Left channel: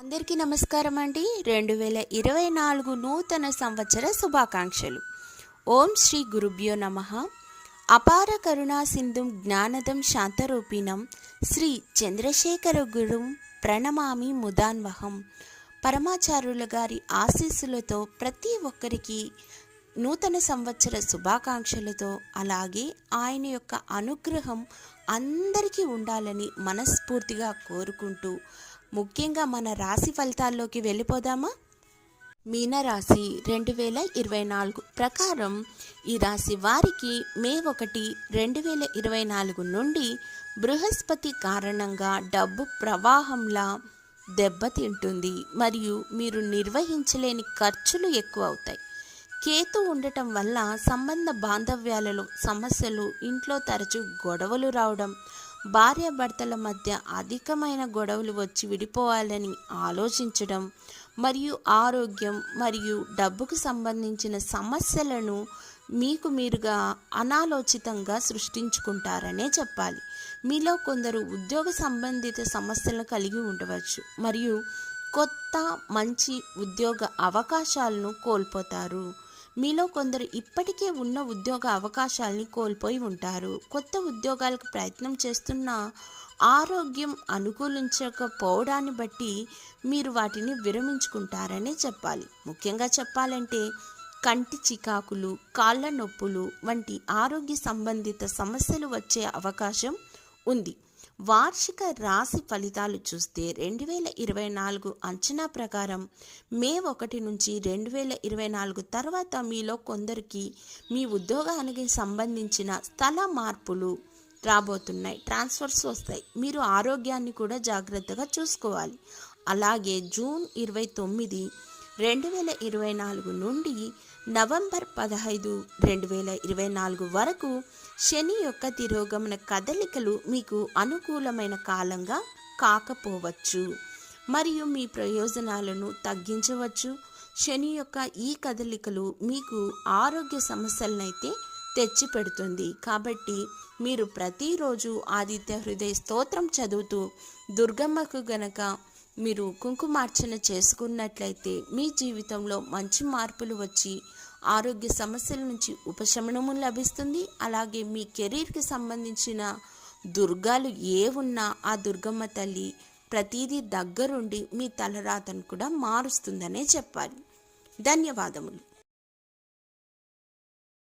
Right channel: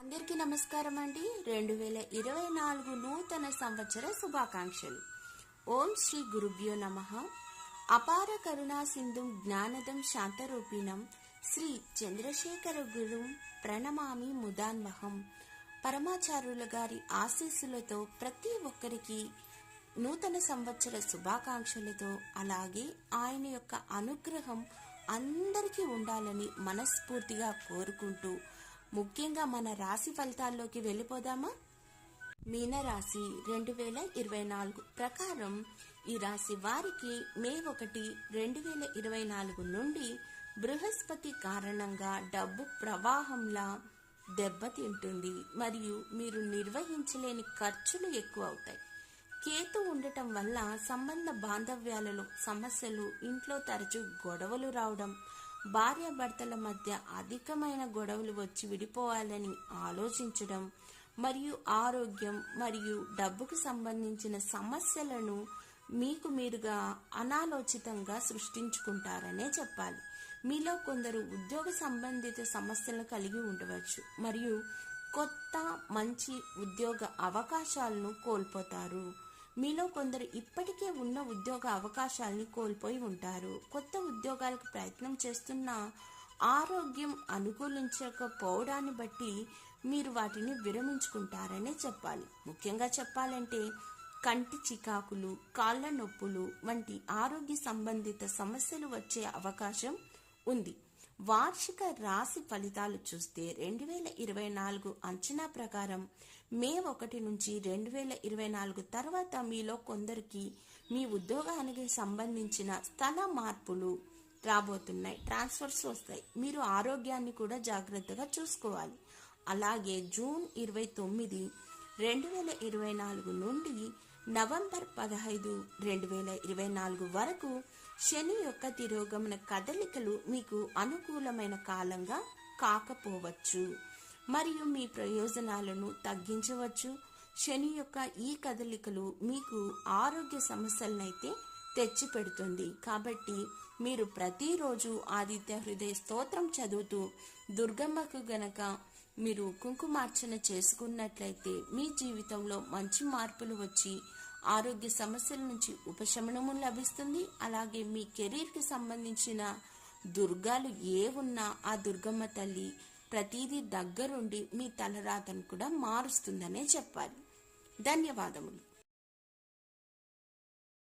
అందరికీ నమస్కారం అండి. రెండు వేల ఇరవై నాలుగు నూతన సంవత్సర శుభాకాంక్షలు. ఓం శ్రీ గురుభ్యో నమ. అపార కరుణా సింధుం జ్ఞానదం శాంతరూపిణం శ్రీ చంద్రశేఖర గురుం ప్రణమామి ముదాన్వహం. పరమాచార్యుల గారి ఆశీస్సులతో ప్రతి ఒక్కరికి నూతన సంవత్సర శుభాకాంక్షలతో అలాగే ఆయన యొక్క అనుగ్రహం అందరికీ ఉండాలని మనస్ఫూర్తిగా కోరుకుంటూ ముఖ్యంగా మన రాశి ఫలితాల్లోకి వెళ్ళిపోదామా? మీనరాశి రెండు వేల ఇరవై నాలుగు ప్రకారం ఈ రాశి వారికి మే ఒకటి రెండు వేల ఇరవై నాలుగు నుండి బృహస్పతి కారణంగా డబ్బు ప్రవాహంలా దెబ్బతింటుంది. మరియు మీరు నిర్వహించలేని ఖర్చులు ఎక్కువ అవుతాయి కేతు ఉండటం వల్ల సంబంధ బాంధవ్యాలలో సమస్యలు ఇంట్లో తరచూ గొడవలు రావడం భార్యాభర్తల మధ్య అధికమైన గొడవలు వచ్చి విడిపోవాలని ఆలోచించడం మరియు ఆరోగ్యం మరియు డబ్బుకు సంబంధించిన సమస్యలను మీకు మీరుగా అనాలోచితంగా సృష్టించుకుంటారనే చెప్పాలి. మీలో కొందరు ఉద్యోగ సంబంధిత సమస్యలను కలిగి ఉండవచ్చు మరియు కొత్త మంచి ఉద్యోగ అవకాశాలను కోల్పోతారు. మీలో కొందరు ఇప్పటికే ఉన్న ఉద్యోగ అవకాశాలని కోల్పోయి ఉంటారు. కొత్త ఉద్యోగాలకు ప్రయత్నం చేస్తున్న ఆరోగ్యం అనుకూలించకపోవడాన్ని బట్టి మీరు వాటిని విరమించుకుంటారనే చెప్పాలి. ముఖ్యంగా చెప్పాలంటే కంటి చికాకులు కాళ్ళ నొప్పులు వంటి ఆరోగ్య సంబంధిత సమస్యలు వచ్చే అవకాశం ఉంది. వార్షిక రాశి ఫలితాలు చూస్తే రెండు వేల ఇరవై నాలుగు అంచనా ప్రకారం మే ఒకటి నుంచి రెండు వేల ఇరవై నాలుగు తర్వాత మీలో కొందరికి మీ ఉద్యోగానికి సంబంధించిన స్థల మార్పులు రాబోతున్నాయి. ట్రాన్స్ఫర్స్ వస్తాయి. మీరు ఆరోగ్యాన్ని కూడా జాగ్రత్తగా చూసుకోవాలి. అలాగే జూన్ ఇరవై తొమ్మిది రెండు వేల ఇరవై నాలుగు నుండి నవంబర్ పదహైదు రెండు వేల ఇరవై నాలుగు వరకు శని యొక్క తిరోగమన కదలికలు మీకు అనుకూలమైన కాలంగా కాకపోవచ్చు. మరియు మీ ప్రయోజనాలను తగ్గించవచ్చు. శని యొక్క ఈ కదలికలు మీకు ఆరోగ్య సమస్యలనైతే తెచ్చిపెడుతుంది. కాబట్టి మీరు ప్రతిరోజు ఆదిత్య హృదయ స్తోత్రం చదువుతూ దుర్గమ్మకు గనక మీరు కుంకుమార్చన చేసుకున్నట్లయితే మీ జీవితంలో మంచి మార్పులు వచ్చి ఆరోగ్య సమస్యల నుంచి ఉపశమనము లభిస్తుంది. అలాగే మీ కెరీర్కి సంబంధించిన దుర్గాలు ఏ ఉన్నా ఆ దుర్గమ్మ తల్లి ప్రతిదీ దగ్గరుండి మీ తలరాతను కూడా మారుస్తుందనే చెప్పాలి. ధన్యవాదములు.